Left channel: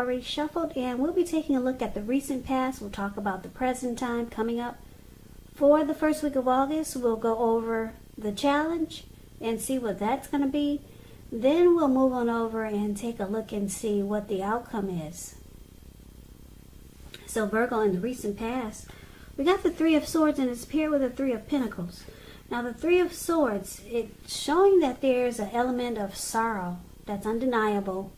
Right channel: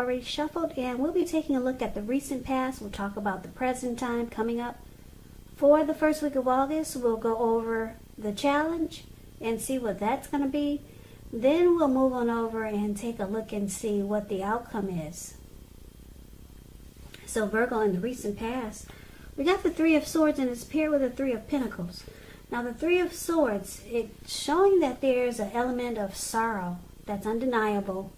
already shuffled, and we'll be taking a look at the recent past. We'll talk about the present time coming up. For the first week of August, we'll go over the challenge and see what that's going to be. Then we'll move on over and take a look and see what the outcome is. So Virgo, in the recent past, we got the Three of Swords and it's paired with the Three of Pentacles. Now the Three of Swords, it's showing that there's an element of sorrow that's undeniable.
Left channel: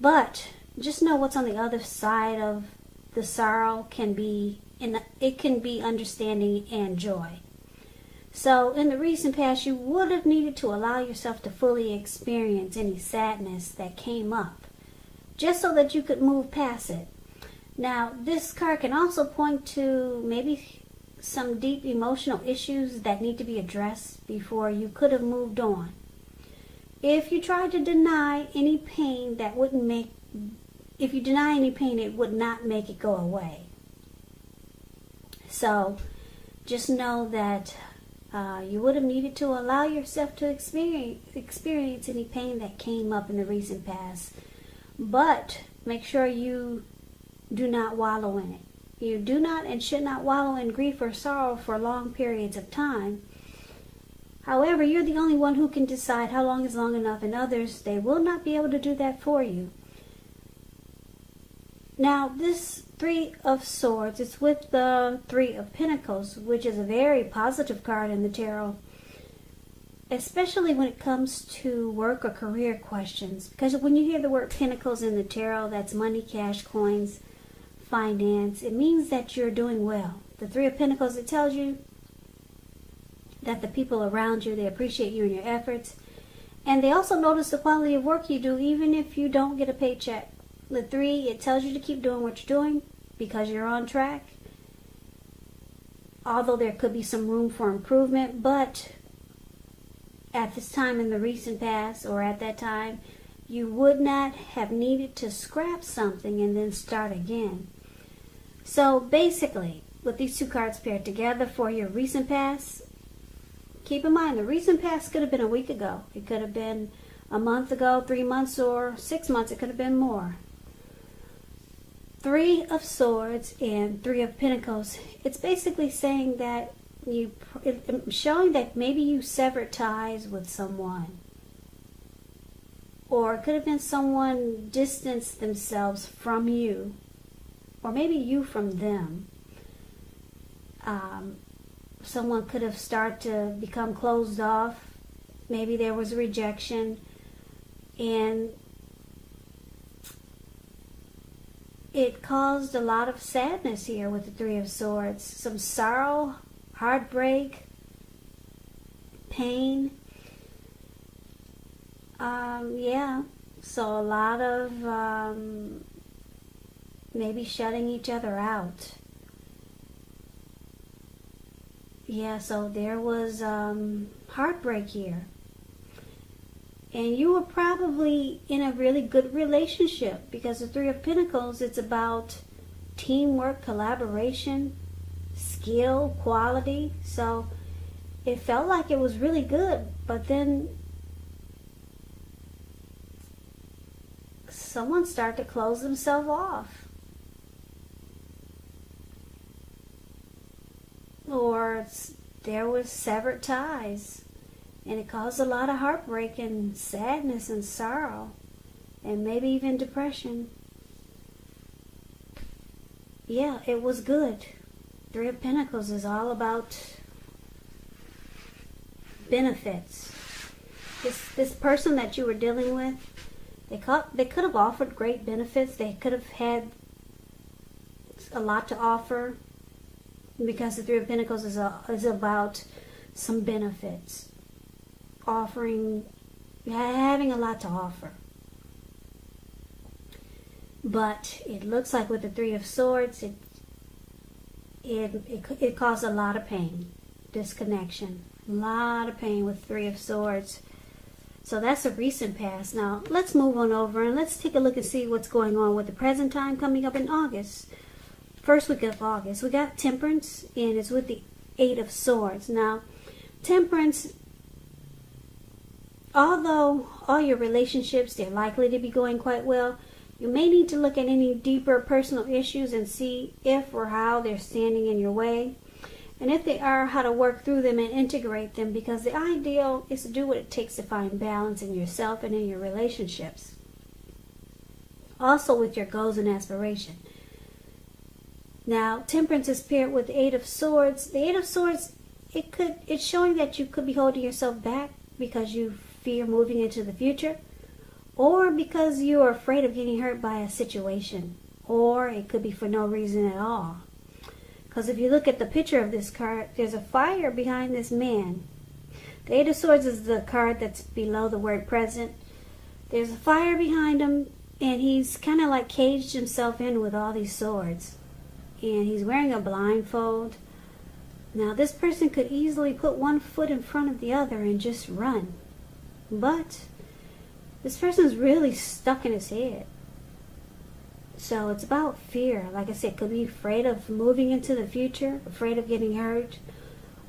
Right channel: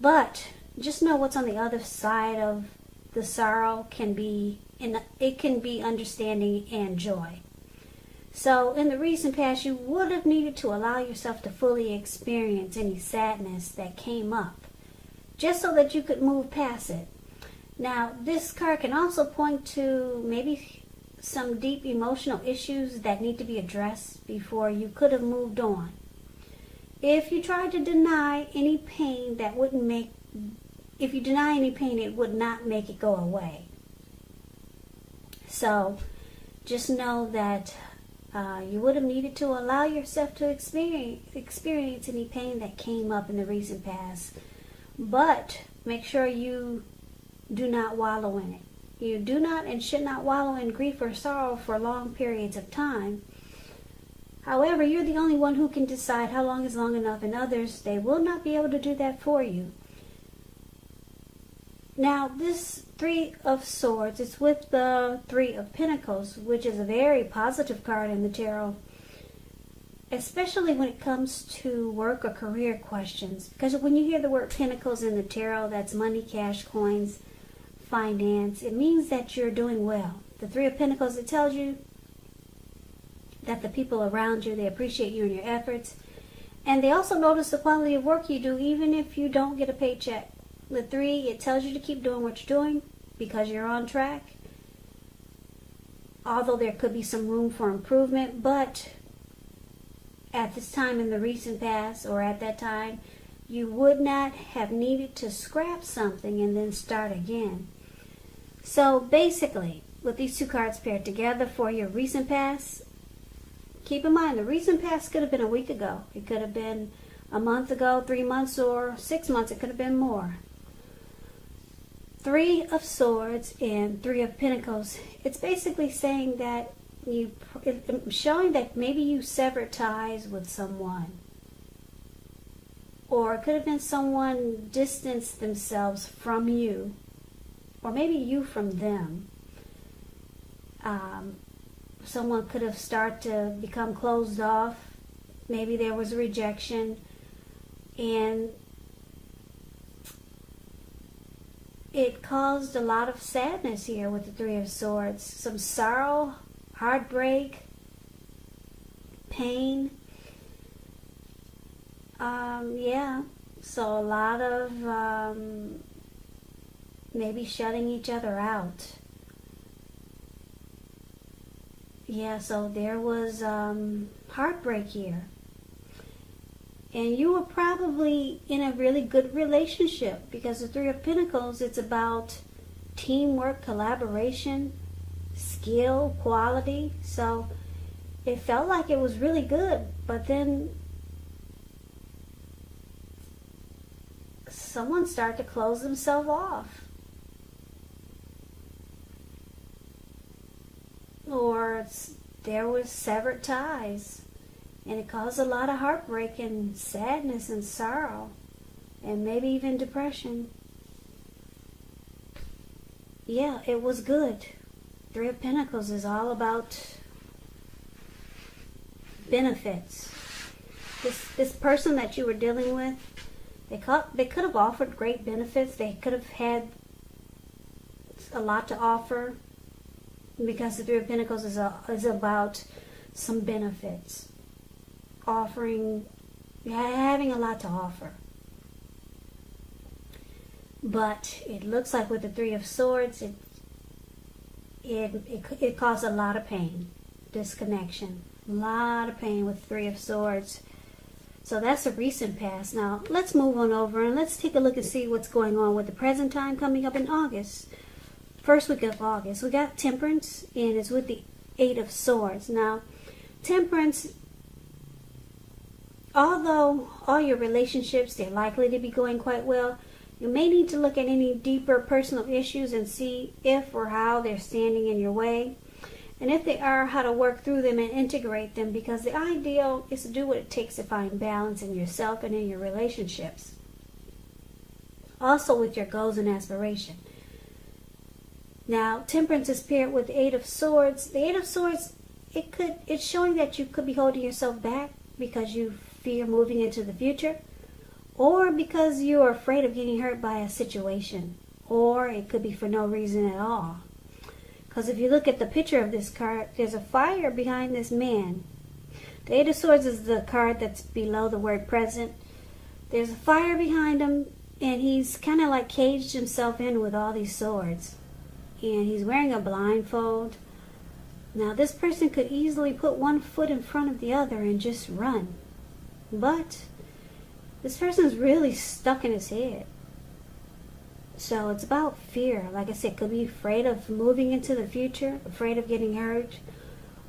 But just know what's on the other side of the sorrow can be understanding and joy. So in the recent past, you would have needed to allow yourself to fully experience any sadness that came up, just so that you could move past it. Now, this card can also point to maybe some deep emotional issues that need to be addressed before you could have moved on. If you tried to deny any pain, it would not make it go away. So, just know that you would have needed to allow yourself to experience any pain that came up in the recent past. But make sure you do not wallow in it. You do not and should not wallow in grief or sorrow for long periods of time. However, you're the only one who can decide how long is long enough, and others, they will not be able to do that for you. Now, this Three of Swords, it's with the Three of Pentacles, which is a very positive card in the tarot, especially when it comes to work or career questions. Because when you hear the word Pentacles in the tarot, that's money, cash, coins, finance. It means that you're doing well. The Three of Pentacles, it tells you that the people around you, they appreciate you and your efforts. And they also notice the quality of work you do, even if you don't get a paycheck. The Three, it tells you to keep doing what you're doing because you're on track. Although there could be some room for improvement, but at this time in the recent past, or at that time, you would not have needed to scrap something and then start again. So basically, with these two cards paired together for your recent past, keep in mind the recent past could have been a week ago. It could have been a month ago, 3 months, or 6 months. It could have been more. Three of Swords and Three of Pentacles. It's basically saying that showing that maybe you severed ties with someone. Or it could have been someone distanced themselves from you. Or maybe you from them. Someone could have started to become closed off. Maybe there was rejection. And it caused a lot of sadness here with the Three of Swords. Some sorrow, heartbreak, pain. Yeah. So a lot of maybe shutting each other out. Yeah, so there was heartbreak here. And you were probably in a really good relationship because the Three of Pentacles, it's about teamwork, collaboration, skill, quality. So it felt like it was really good, but then someone started to close themselves off. Or there was severed ties. And it caused a lot of heartbreak and sadness and sorrow. And maybe even depression. Yeah, it was good. Three of Pentacles is all about benefits. This person that you were dealing with, they could have offered great benefits. They could have had a lot to offer. Because the Three of Pentacles is about some benefits. Having a lot to offer. But it looks like with the Three of Swords, it caused a lot of pain, disconnection. A lot of pain with Three of Swords. So that's a recent past. Now, let's move on over and let's take a look and see what's going on with the present time coming up in August. First week of August, we got Temperance, and it's with the Eight of Swords. Now, Temperance, although all your relationships, they're likely to be going quite well, You may need to look at any deeper personal issues and see if or how they're standing in your way. And if they are, how to work through them and integrate them, because the ideal is to do what it takes to find balance in yourself and in your relationships. Also with your goals and aspirations. Now, Temperance is paired with the Eight of Swords. The Eight of Swords, it's showing that you could be holding yourself back because you fear moving into the future, or because you are afraid of getting hurt by a situation, or it could be for no reason at all. Because if you look at the picture of this card, there's a fire behind this man. The Eight of Swords is the card that's below the word present. There's a fire behind him, and he's kind of like caged himself in with all these swords. And he's wearing a blindfold. Now, this person could easily put one foot in front of the other and just run. But this person's really stuck in his head. So it's about fear. Like I said, could be afraid of moving into the future, afraid of getting hurt.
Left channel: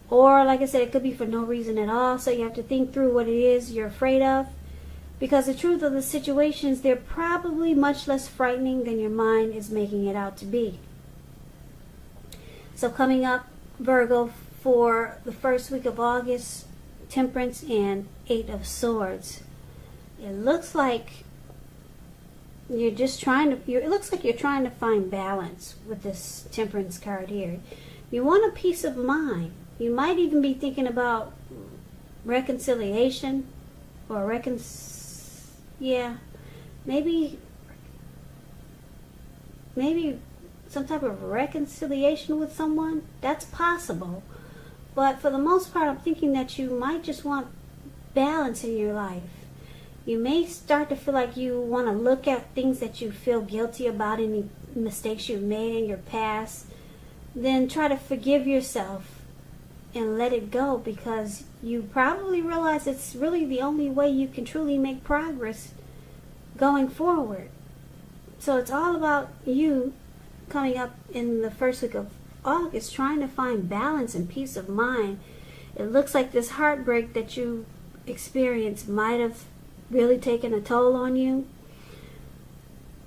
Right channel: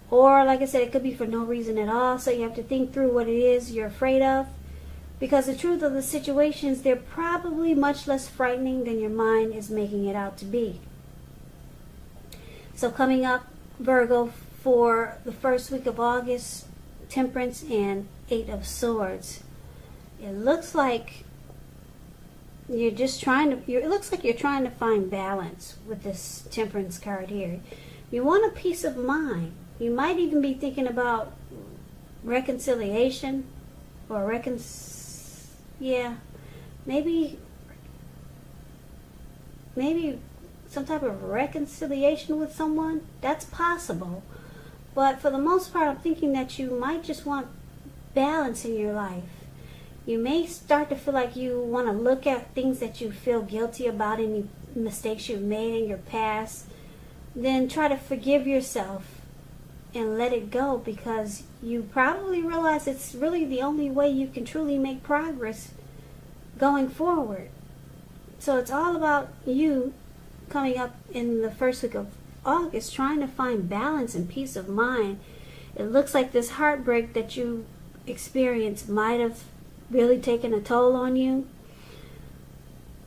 Or, like I said, it could be for no reason at all. So you have to think through what it is you're afraid of. Because the truth of the situations, they're probably much less frightening than your mind is making it out to be. So coming up, Virgo, for the first week of August, Temperance and Eight of Swords. It looks like you're just trying to, it looks like you're trying to find balance with this Temperance card here. You want a peace of mind. You might even be thinking about reconciliation or maybe some type of reconciliation with someone. That's possible. But for the most part, I'm thinking that you might just want balance in your life. You may start to feel like you want to look at things that you feel guilty about, any mistakes you've made in your past. Then try to forgive yourself and let it go, because you probably realize it's really the only way you can truly make progress going forward. So it's all about you coming up in the first week of August, trying to find balance and peace of mind. It looks like this heartbreak that you experienced might have really taken a toll on you.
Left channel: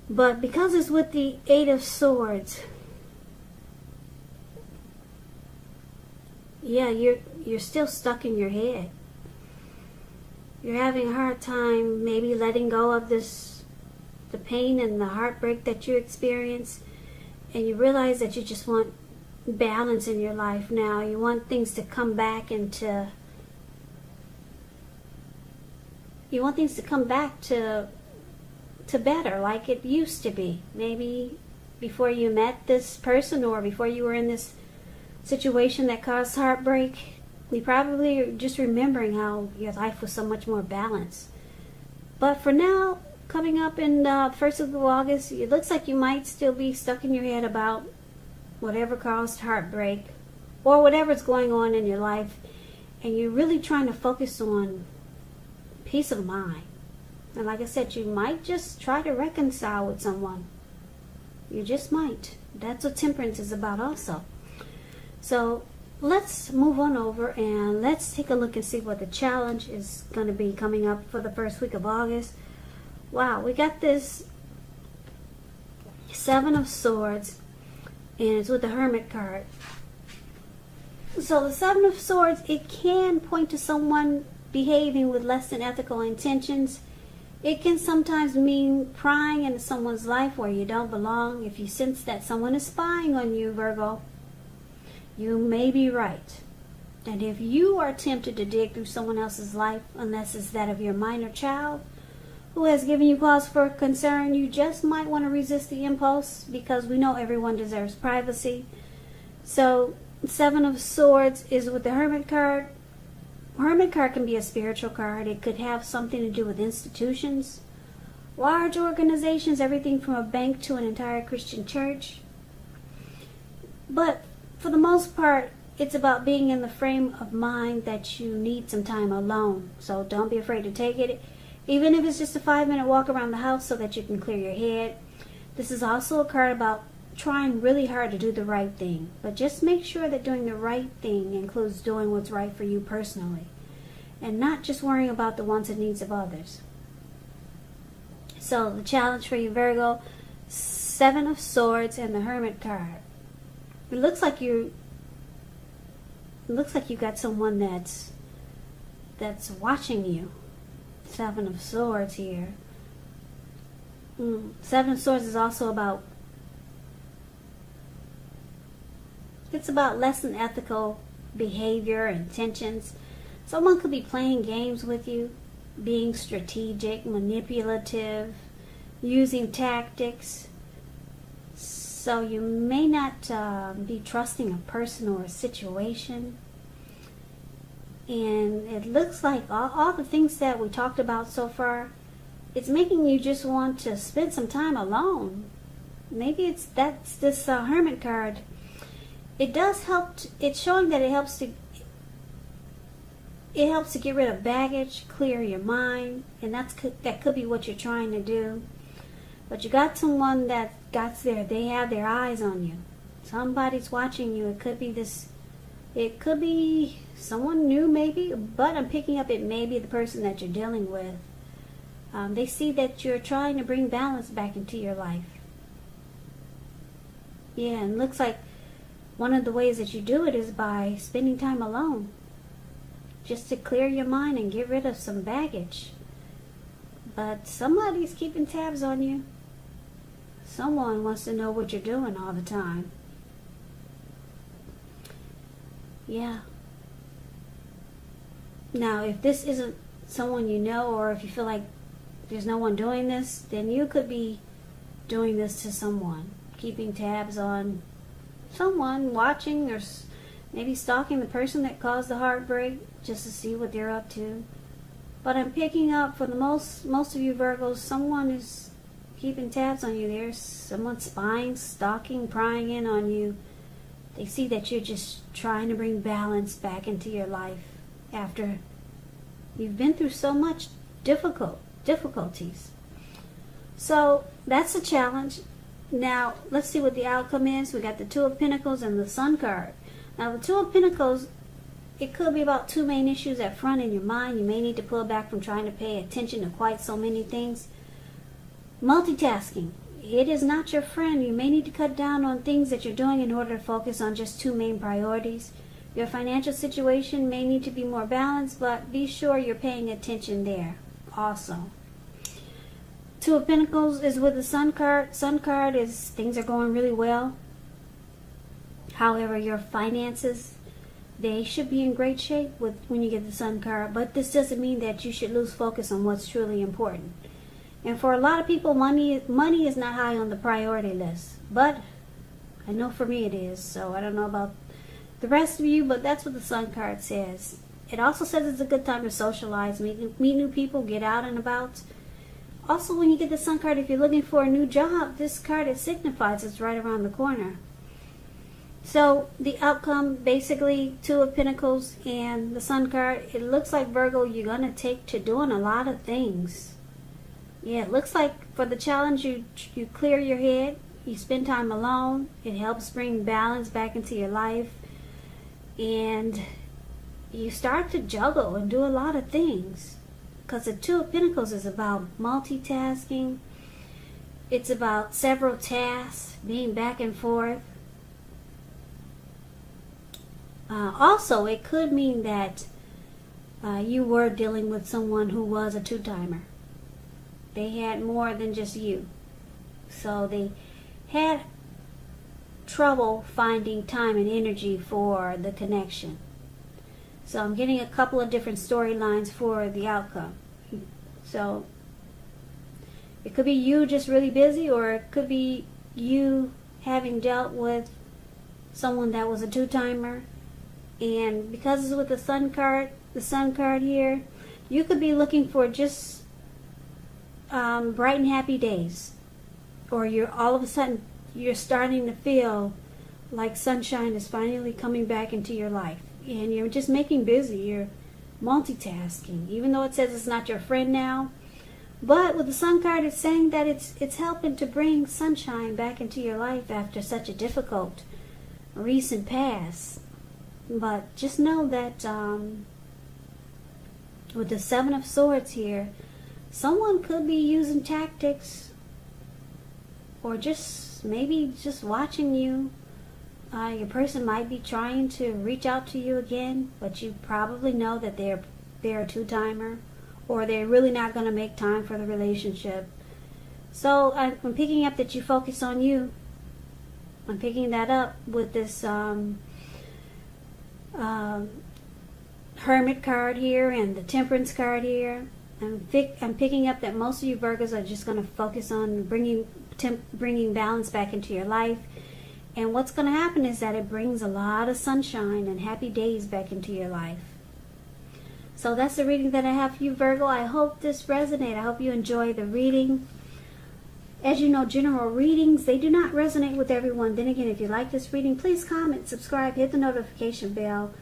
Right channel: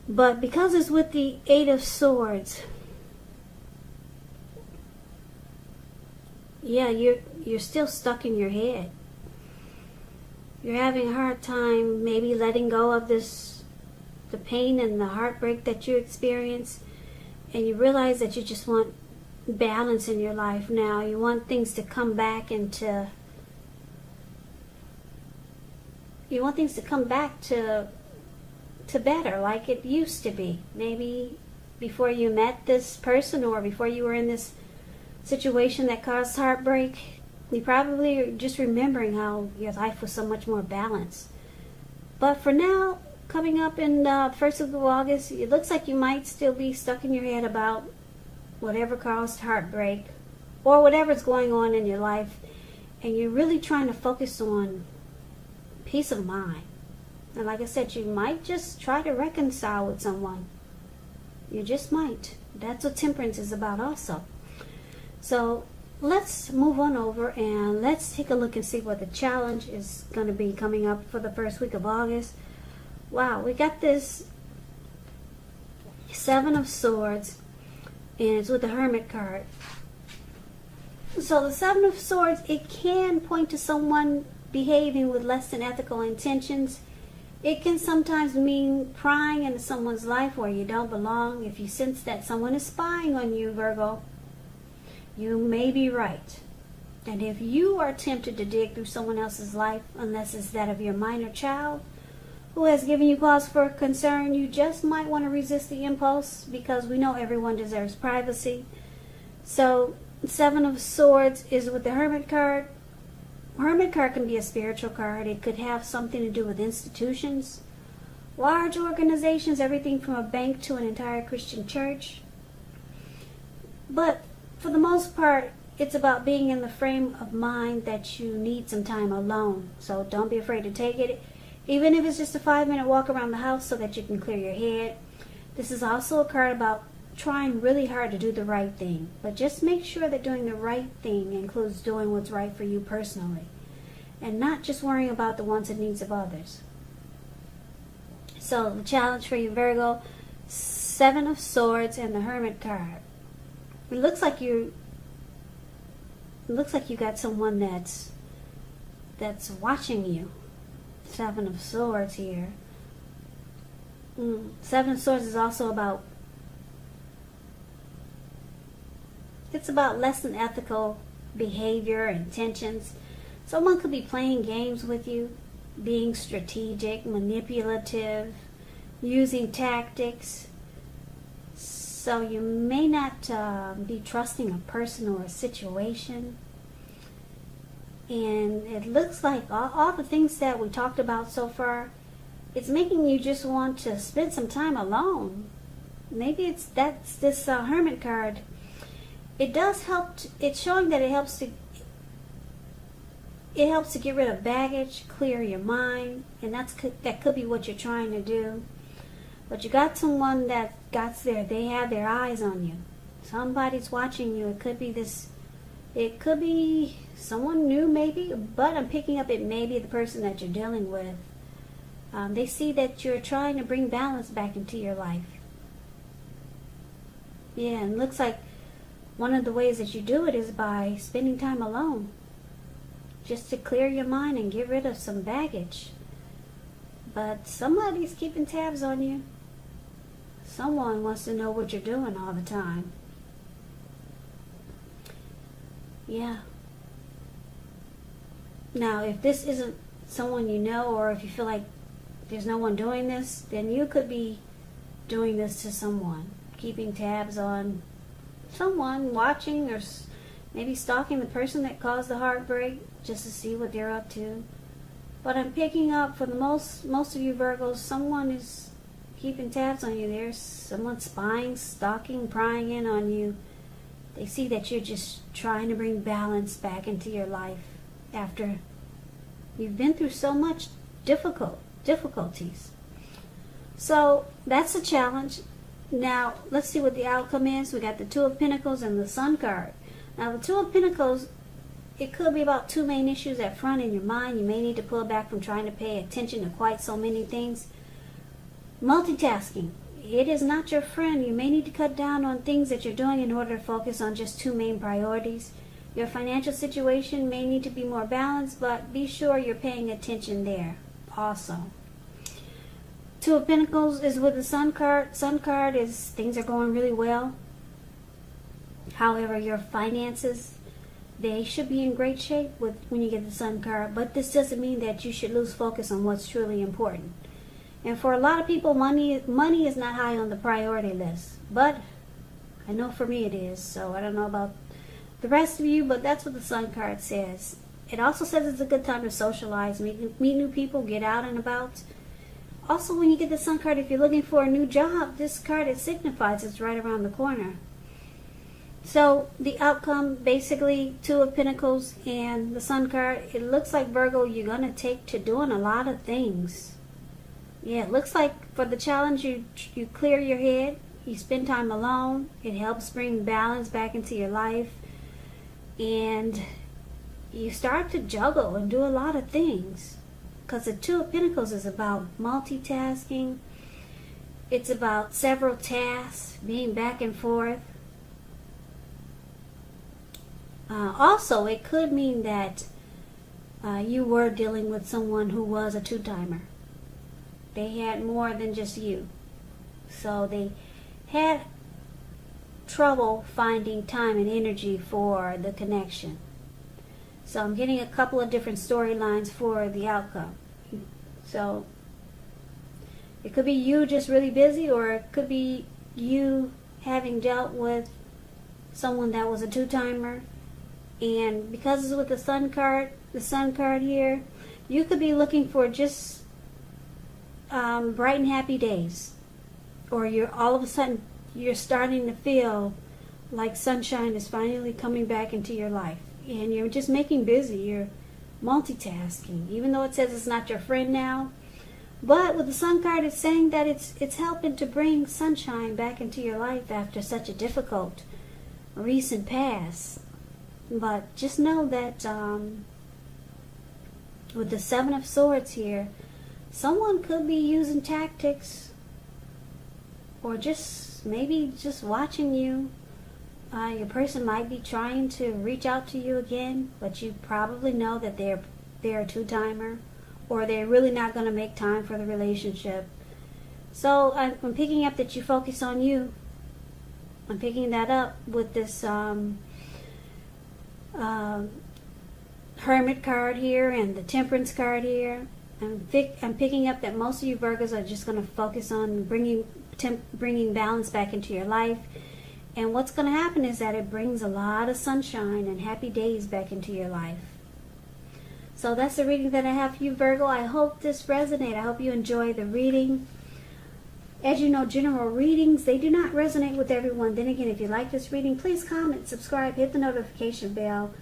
But because it's with the Eight of Swords, yeah, you're still stuck in your head. You're having a hard time maybe letting go of the pain and the heartbreak that you experienced, and you realize that you just want balance in your life now. You want things to come back into, you want things to come back to better, like it used to be. Maybe before you met this person, or before you were in this situation that caused heartbreak. You probably are just remembering how your life was so much more balanced. But for now, coming up in the first of August, it looks like you might still be stuck in your head about whatever caused heartbreak, or whatever's going on in your life, and you're really trying to focus on peace of mind. And like I said, you might just try to reconcile with someone. You just might. That's what Temperance is about also. So let's move on over and let's take a look and see what the challenge is going to be coming up for the first week of August. Wow, we got this Seven of Swords, and it's with the Hermit card. So the Seven of Swords, it can point to someone behaving with less than ethical intentions. It can sometimes mean prying into someone's life where you don't belong. If you sense that someone is spying on you, Virgo, you may be right. And if you are tempted to dig through someone else's life, unless it's that of your minor child who has given you cause for concern, you just might want to resist the impulse, because we know everyone deserves privacy. So Seven of Swords is with the Hermit card. Hermit card can be a spiritual card. It could have something to do with institutions, large organizations, everything from a bank to an entire Christian church. But for the most part, it's about being in the frame of mind that you need some time alone. So don't be afraid to take it, even if it's just a 5-minute walk around the house so that you can clear your head. This is also a card about trying really hard to do the right thing. But just make sure that doing the right thing includes doing what's right for you personally, and not just worrying about the wants and needs of others. So the challenge for you, Virgo, Seven of Swords and the Hermit card. It looks like you got someone that's watching you. Seven of Swords here. Seven of Swords is also about, it's about less than ethical behavior and intentions. Someone could be playing games with you, being strategic, manipulative, using tactics. So you may not be trusting a person or a situation. And it looks like all the things that we talked about so far, it's making you just want to spend some time alone. Maybe that's this Hermit card. It does help. It's showing that it helps to get rid of baggage, clear your mind, and that could be what you're trying to do. But you got someone that they have their eyes on you. Somebody's watching you. It could be someone new maybe, but I'm picking up it may be the person that you're dealing with. They see that you're trying to bring balance back into your life. Yeah, and it looks like one of the ways that you do it is by spending time alone. Just to clear your mind and get rid of some baggage. But somebody's keeping tabs on you. Someone wants to know what you're doing all the time. Yeah. Now, if this isn't someone you know, or if you feel like there's no one doing this, then you could be doing this to someone. Keeping tabs on someone, watching, or maybe stalking the person that caused the heartbreak, just to see what they're up to. But I'm picking up, for the most of you Virgos, someone is keeping tabs on you. There's someone spying, stalking, prying in on you. They see that you're just trying to bring balance back into your life after you've been through so much difficulties. So that's a challenge. Now let's see what the outcome is. We got the Two of Pentacles and the Sun card. Now the Two of Pentacles, it could be about two main issues at front in your mind. You may need to pull back from trying to pay attention to quite so many things. Multitasking. It is not your friend. You may need to cut down on things that you're doing in order to focus on just two main priorities. Your financial situation may need to be more balanced, but be sure you're paying attention there also. Two of Pentacles is with the Sun card. Sun card is things are going really well. However, your finances, they should be in great shape when you get the Sun card. But this doesn't mean that you should lose focus on what's truly important. And for a lot of people, money is not high on the priority list. But I know for me it is. So I don't know about the rest of you, but that's what the Sun card says. It also says it's a good time to socialize, meet new people, get out and about. Also, when you get the Sun card, if you're looking for a new job, this card, it signifies it's right around the corner. So the outcome, basically, Two of Pentacles and the Sun card, it looks like, Virgo, you're going to take to doing a lot of things. Yeah, it looks like for the challenge, you clear your head, you spend time alone, it helps bring balance back into your life, and you start to juggle and do a lot of things. Because the Two of Pentacles is about multitasking, it's about several tasks, being back and forth. Also, it could mean that you were dealing with someone who was a two-timer. They had more than just you. So they had trouble finding time and energy for the connection. So I'm getting a couple of different storylines for the outcome. So it could be you just really busy, or it could be you having dealt with someone that was a two-timer. And because it's with the Sun card here, you could be looking for just bright and happy days, or you're all of a sudden you're starting to feel like sunshine is finally coming back into your life, and you're just making busy, you're multitasking, even though it says it's not your friend now. But with the Sun card, it's saying that it's helping to bring sunshine back into your life after such a difficult recent past. But just know that with the Seven of Swords here, someone could be using tactics, or just maybe just watching you. Your person might be trying to reach out to you again, but you probably know that they're a two-timer, or they're really not going to make time for the relationship. So I'm picking up that you focus on you. I'm picking that up with this Hermit card here and the Temperance card here. I'm picking up that most of you Virgos are just going to focus on bringing balance back into your life. And what's going to happen is that it brings a lot of sunshine and happy days back into your life. So that's the reading that I have for you, Virgo. I hope this resonates. I hope you enjoy the reading. As you know, general readings, they do not resonate with everyone. Then again, if you like this reading, please comment, subscribe, hit the notification bell.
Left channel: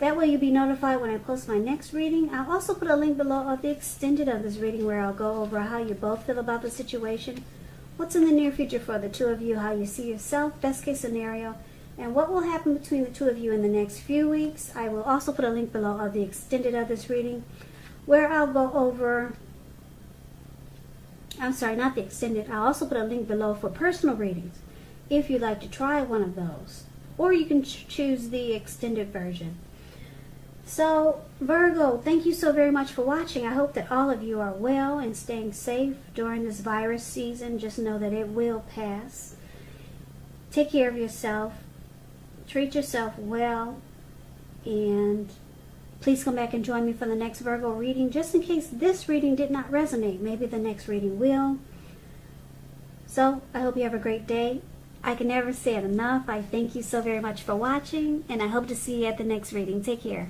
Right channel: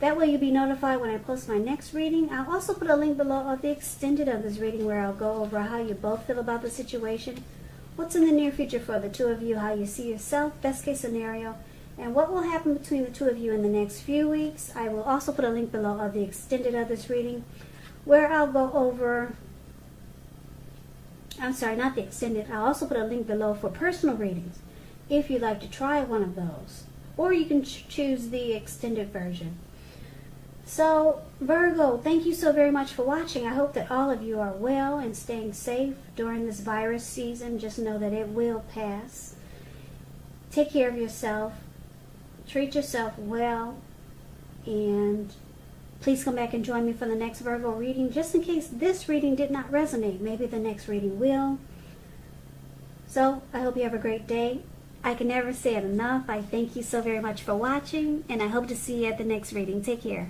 That way you'll be notified when I post my next reading. I'll also put a link below of the extended of this reading where I'll go over how you both feel about the situation, what's in the near future for the two of you, how you see yourself, best case scenario, and what will happen between the two of you in the next few weeks. I will also put a link below of the extended of this reading where I'll go over, I'm sorry, not the extended. I'll also put a link below for personal readings if you'd like to try one of those. Or you can choose the extended version. So, Virgo, thank you so very much for watching. I hope that all of you are well and staying safe during this virus season. Just know that it will pass. Take care of yourself. Treat yourself well. And please come back and join me for the next Virgo reading. Just in case this reading did not resonate, maybe the next reading will. So, I hope you have a great day. I can never say it enough. I thank you so very much for watching. And I hope to see you at the next reading. Take care.